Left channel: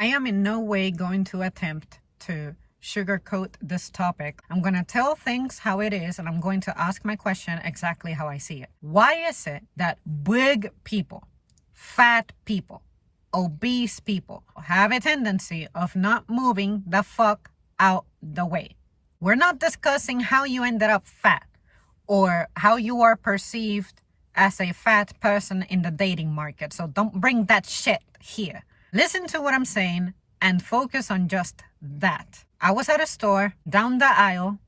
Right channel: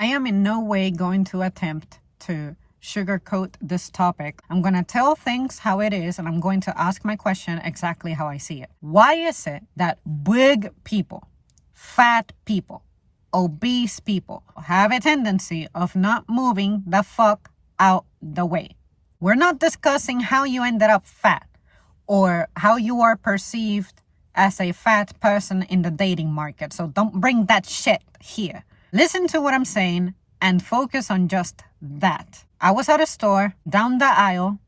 I am in no way going to attempt to sugarcoat this topic. I'm going to tell things how it is, and I'm going to ask my question exactly how I see it. Why is it that big people, fat people, obese people have a tendency of not moving the fuck out the way? We're not discussing how you ended up fat or how you are perceived as a fat person in the dating market. So don't bring that shit here. Listen to what I'm saying and focus on just that. I was at a store down the aisle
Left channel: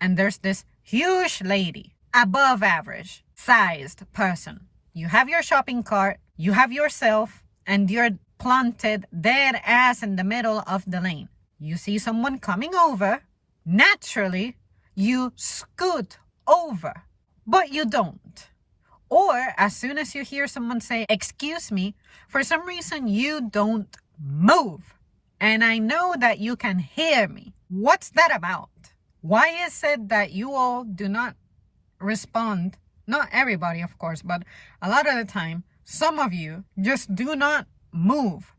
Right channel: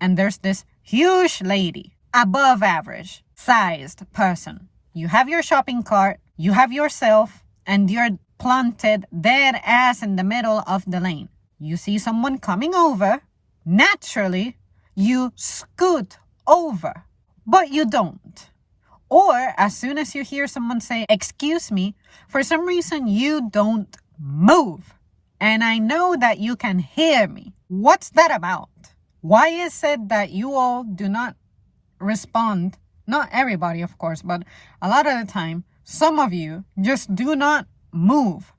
and there's this huge lady, above average sized person. You have your shopping cart, you have yourself, and you're planted dead ass in the middle of the lane. You see someone coming over, naturally you scoot over, but you don't. Or as soon as you hear someone say, "Excuse me," for some reason you don't move. And I know that you can hear me. What's that about? Why is it that you all do not respond? Not everybody, of course, but a lot of the time, some of you just do not move.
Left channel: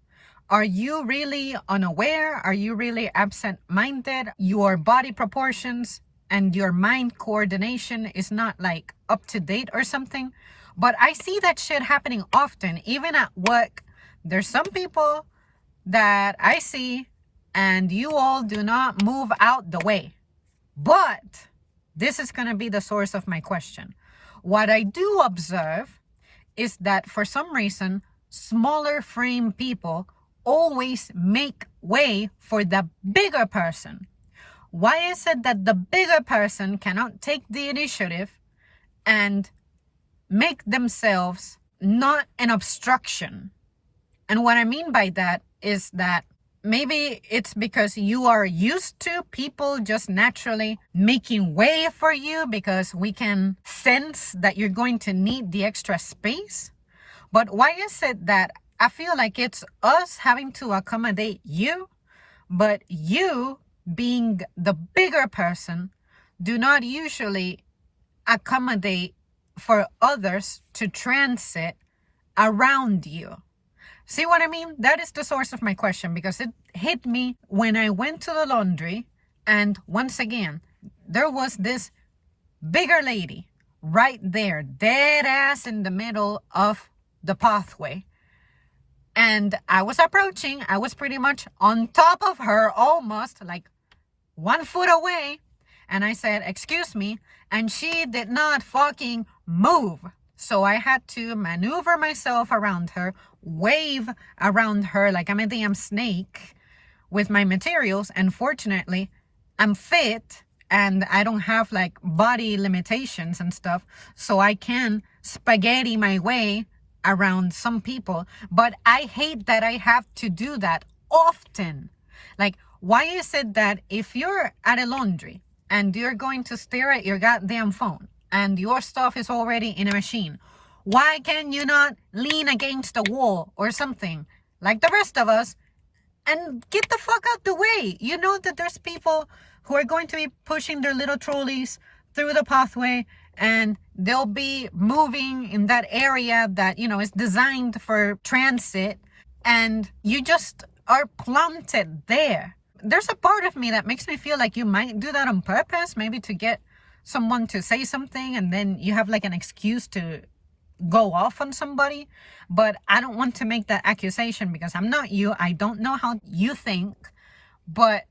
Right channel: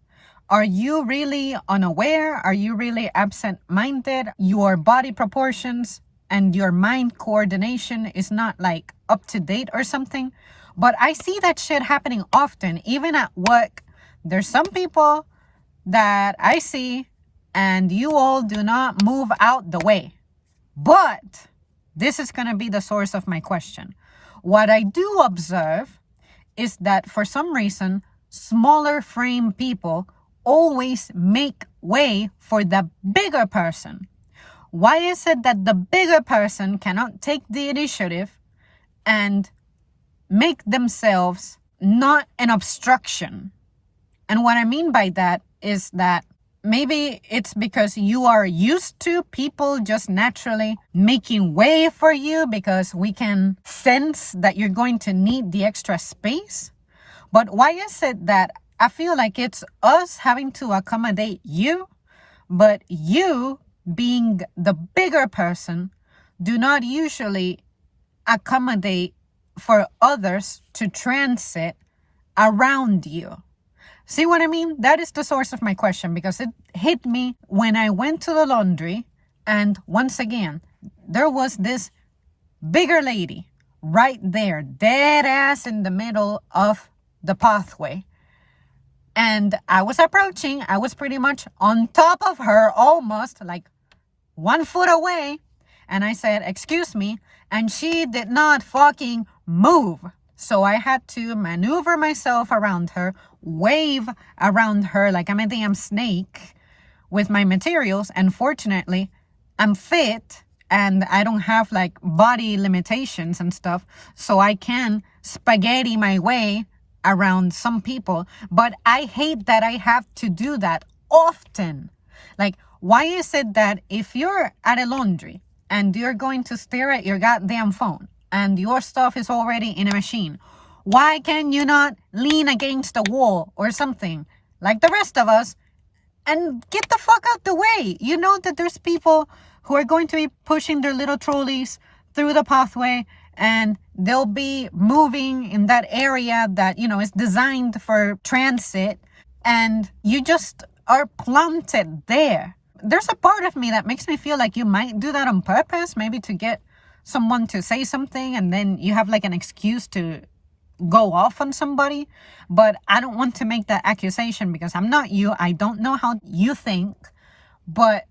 Are you really unaware? Are you really absent-minded? Your body proportions and your mind coordination is not like up to date or something? But I see that shit happening often, even at work. There's some people that I see and you all do not move out the way. But this is going to be the source of my question. What I do observe is that for some reason, smaller frame people always make way for the bigger person. Why is it that the bigger person cannot take the initiative and make themselves not an obstruction? And what I mean by that is that maybe it's because you are used to people just naturally making way for you because we can sense that you're going to need the extra space. But why is it that I feel like it's us having to accommodate you, but you, being the bigger person, do not usually accommodate for others to transit around you? See what I mean? That is the source of my question, because it hit me when I went to the laundry, and once again, there was this bigger lady right there, dead ass in the middle of the pathway. And I was approaching, I was pretty much on top of her, almost like 1 foot away. And I said, "Excuse me." And she did not fucking move. So I had to maneuver myself around her, wave around her like I'm a damn snake with my materials. And fortunately, I'm fit and I don't have like body limitations and stuff. So I can spaghetti my way around some people. But I hate that I have to do that often. Like, why is it that if you're at a laundry and you're going to stare at your goddamn phone and your stuff is already in a machine, why can you not lean against the wall or something like the rest of us and get the fuck out the way? You know that there's people who are going to be pushing their little trolleys through the pathway and they'll be moving in that area that, you know, is designed for transit, and you just are planted there. There's a part of me that makes me feel like you might do that on purpose, maybe to get someone to say something and then you have like an excuse to go off on somebody. But I don't want to make that accusation because I'm not you. I don't know how you think. But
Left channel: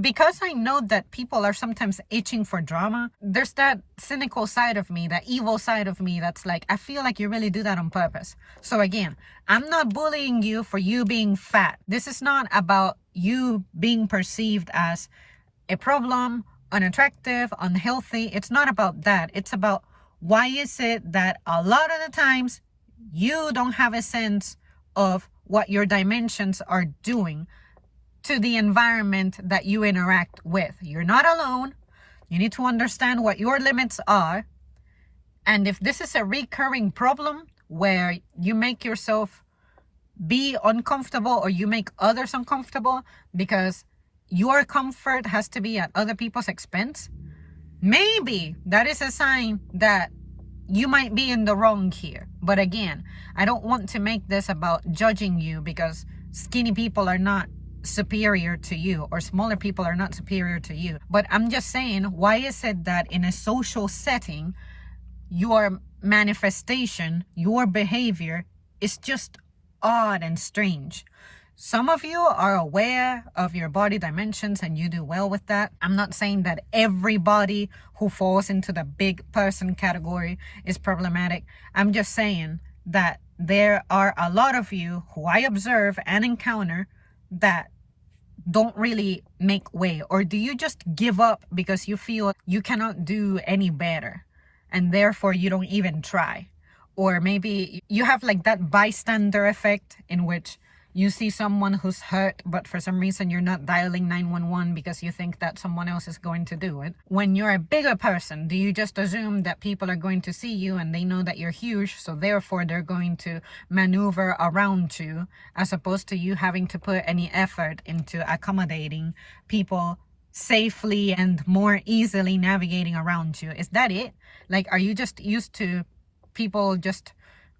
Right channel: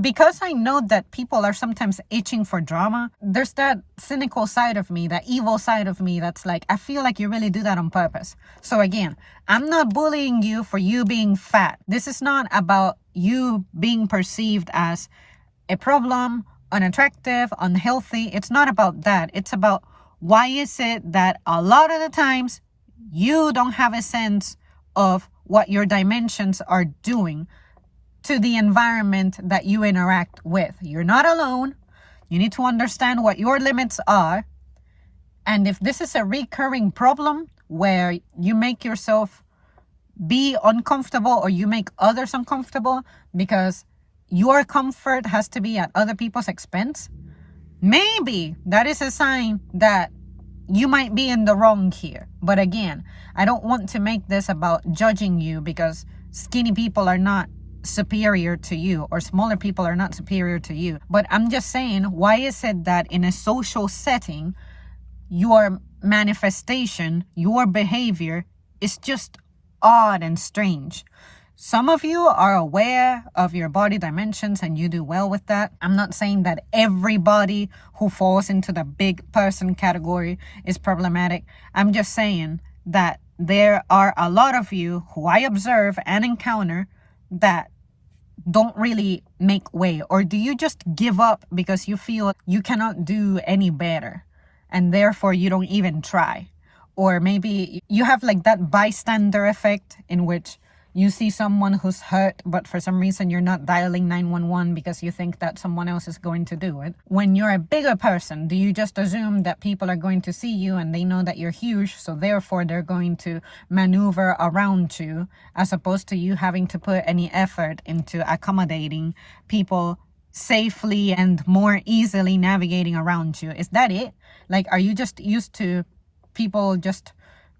because I know that people are sometimes itching for drama, there's that cynical side of me, that evil side of me that's like, I feel like you really do that on purpose. So again, I'm not bullying you for you being fat. This is not about you being perceived as a problem, unattractive, unhealthy. It's not about that. It's about why is it that a lot of the times you don't have a sense of what your dimensions are doing to the environment that you interact with. You're not alone. You need to understand what your limits are. And if this is a recurring problem where you make yourself be uncomfortable or you make others uncomfortable because your comfort has to be at other people's expense, maybe that is a sign that you might be in the wrong here. But again, I don't want to make this about judging you because skinny people are not superior to you, or smaller people are not superior to you. But I'm just saying, why is it that in a social setting, your manifestation, your behavior is just odd and strange? Some of you are aware of your body dimensions and you do well with that. I'm not saying that everybody who falls into the big person category is problematic. I'm just saying that there are a lot of you who I observe and encounter that don't really make way. Or do you just give up because you feel you cannot do any better and therefore you don't even try? Or maybe you have like that bystander effect in which you see someone who's hurt, but for some reason you're not dialing 911 because you think that someone else is going to do it. When you're a bigger person, do you just assume that people are going to see you and they know that you're huge, so therefore they're going to maneuver around you, as opposed to you having to put any effort into accommodating people safely and more easily navigating around you? Is that it? Like, are you just used to people just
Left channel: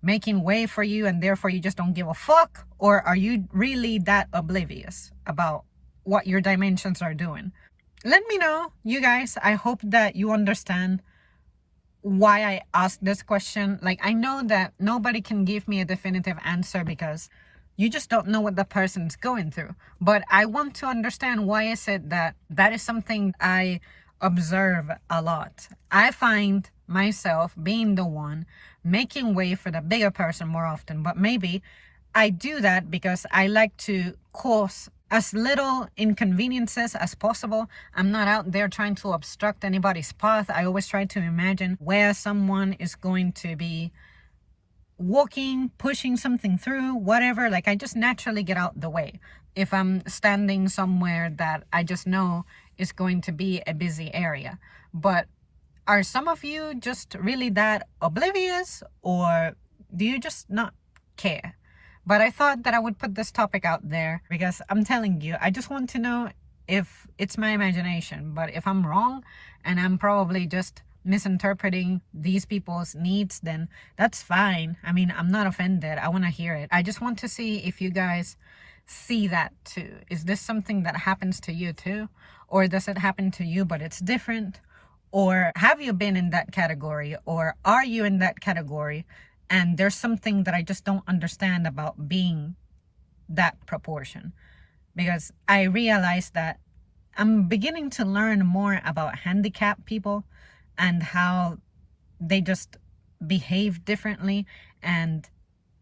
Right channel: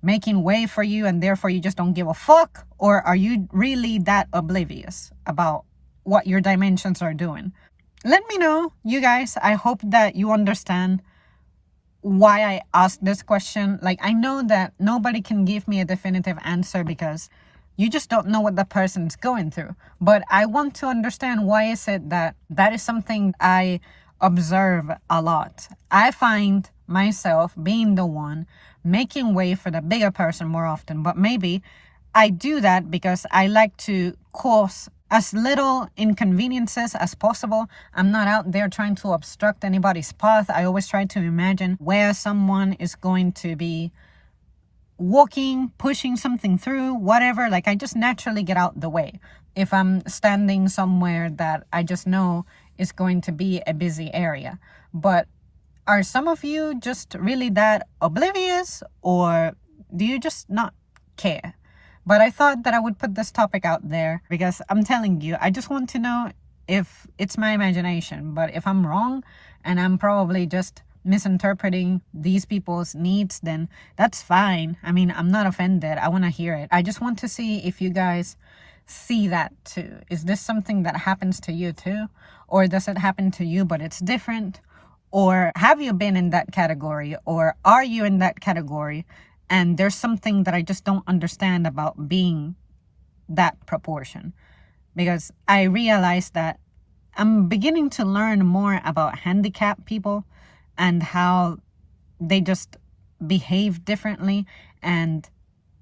making way for you and therefore you just don't give a fuck? Or are you really that oblivious about what your dimensions are doing? Let me know, you guys. I hope that you understand why I asked this question. Like, I know that nobody can give me a definitive answer because you just don't know what the person's going through. But I want to understand, why is it that that is something I observe a lot. I find myself being the one making way for the bigger person more often, but maybe I do that because I like to cause as little inconveniences as possible. I'm not out there trying to obstruct anybody's path. I always try to imagine where someone is going to be walking, pushing something through, whatever. Like, I just naturally get out the way if I'm standing somewhere that I just know is going to be a busy area. But are some of you just really that oblivious, or do you just not care? But I thought that I would put this topic out there because I'm telling you, I just want to know if it's my imagination. But if I'm wrong and I'm probably just misinterpreting these people's needs, then that's fine. I mean, I'm not offended. I want to hear it. I just want to see if you guys see that too. Is this something that happens to you too? Or does it happen to you but it's different? Or have you been in that category? Or are you in that category? And there's something that I just don't understand about being that proportion. Because I realize that I'm beginning to learn more about handicapped people and how they just behave differently. And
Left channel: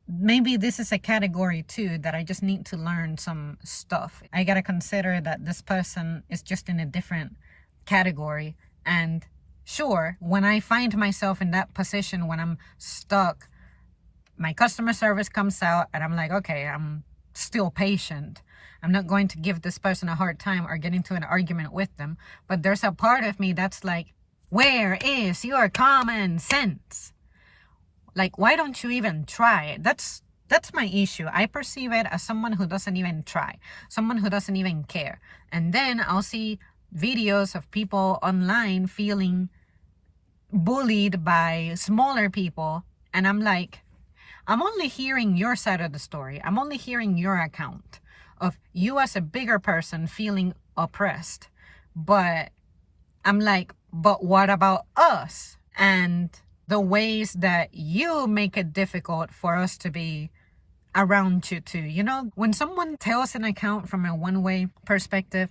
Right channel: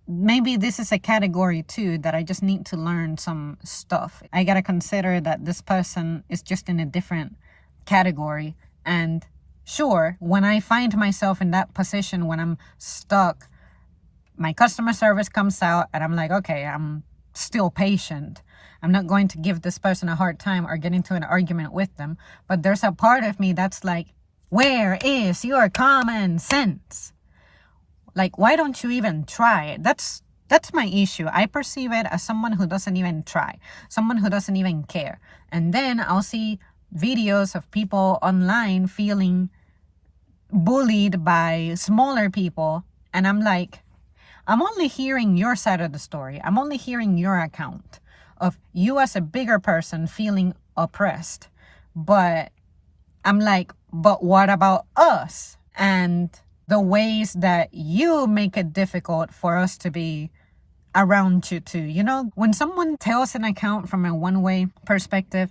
maybe this is a category too that I just need to learn some stuff. I gotta consider that this person is just in a different category. And sure, when I find myself in that position, when I'm stuck, my customer service comes out and I'm like, okay, I'm still patient. I'm not going to give this person a hard time or get into an argument with them. But there's a part of me that's like, where is your common sense? Like, why don't you even try it? That's my issue. I perceive it as someone who doesn't even try, someone who doesn't even care. And then I'll see videos of people online feeling bullied by smaller people. And I'm like, I'm only hearing your side of the story. I'm only hearing your account of you as a bigger person feeling oppressed. But I'm like, but what about us? And the ways that you make it difficult for us to be around you too. You know, when someone tells an account from a one-way perspective,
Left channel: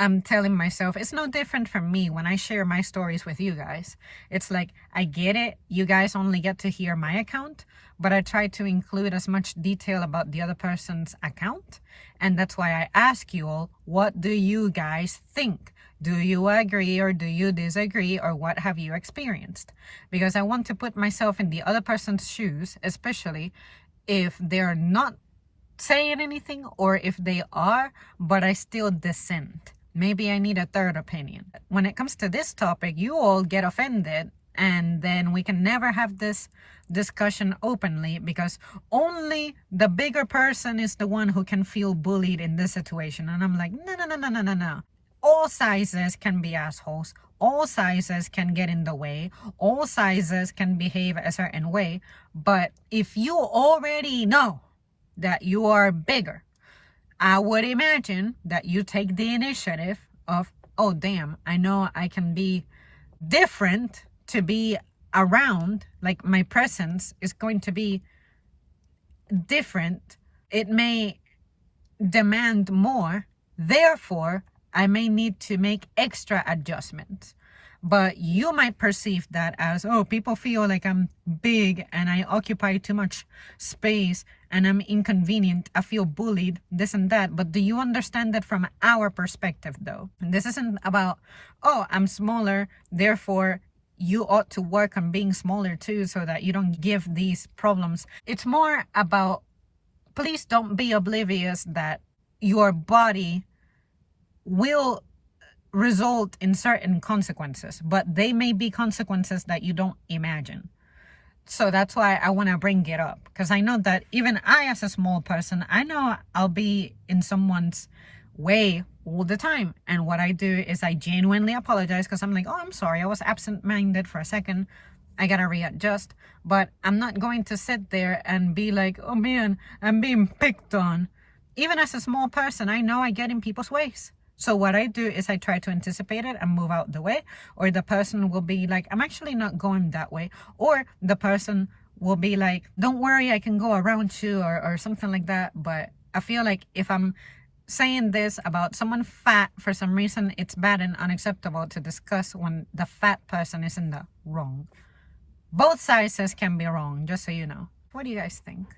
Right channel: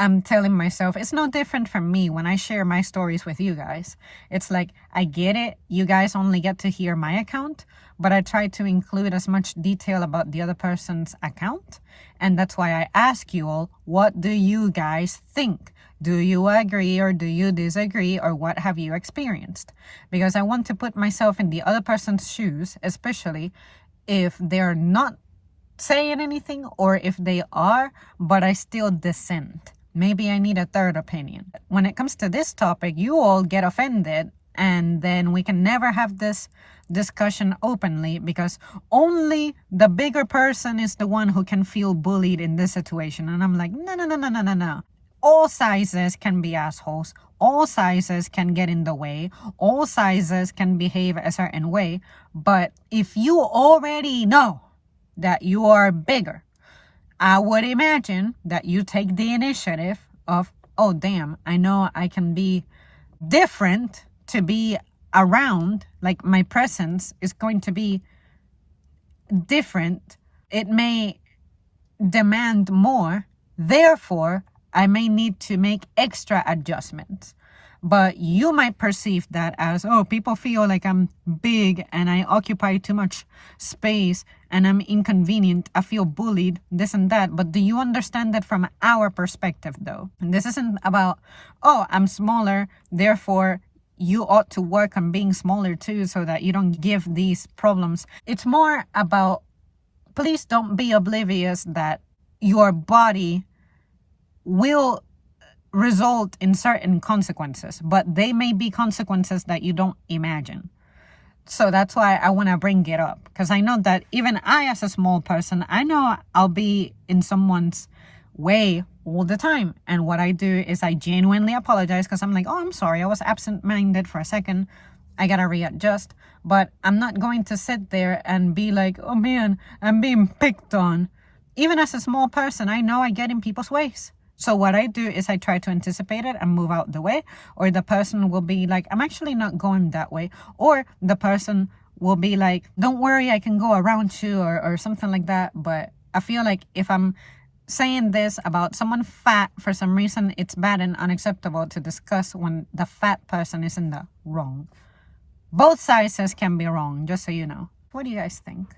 I'm telling myself it's no different from me when I share my stories with you guys. It's like, I get it. You guys only get to hear my account, but I try to include as much detail about the other person's account. And that's why I ask you all, what do you guys think? Do you agree or do you disagree, or what have you experienced? Because I want to put myself in the other person's shoes, especially if they're not saying anything, or if they are, but I still dissent. Maybe I need a third opinion. When it comes to this topic, you all get offended, and then we can never have this discussion openly because only the bigger person is the one who can feel bullied in this situation. And I'm like, no. All sizes can be assholes. All sizes can get in the way. All sizes can behave a certain way. But if you already know that you are bigger, I would imagine that you take the initiative of, oh, damn, I know I can be different to be around. Like my presence is going to be different. It may demand more. Therefore, I may need to make extra adjustments. But you might perceive that as, oh, people feel like I'm big and I occupy too much space and I'm inconvenient. I feel bullied, this and that. But do you understand that from our perspective, though? And this isn't about, oh, I'm smaller, therefore you ought to work on being smaller too so that you don't give these problems. It's more about, please don't be oblivious that your body will result in certain consequences, but they may be consequences that you don't imagine. So that's why I want to bring it up, because I know that even I, as a small person, I know I'll be in someone's way all the time. And what I do is I genuinely apologize, because I'm like, oh, I'm sorry, I was absent-minded for a second, I gotta readjust. But I'm not going to sit there and be like, oh man, I'm being picked on. Even as a small person, I know I get in people's ways. So what I do is I try to anticipate it and move out the way, or the person will be like, I'm actually not going that way. Or the person will be like, don't worry, I can go around you, or something like that. But I feel like if I'm saying this about someone fat, for some reason, it's bad and unacceptable to discuss when the fat person is in the wrong. Both sizes can be wrong, just so you know. What do you guys think?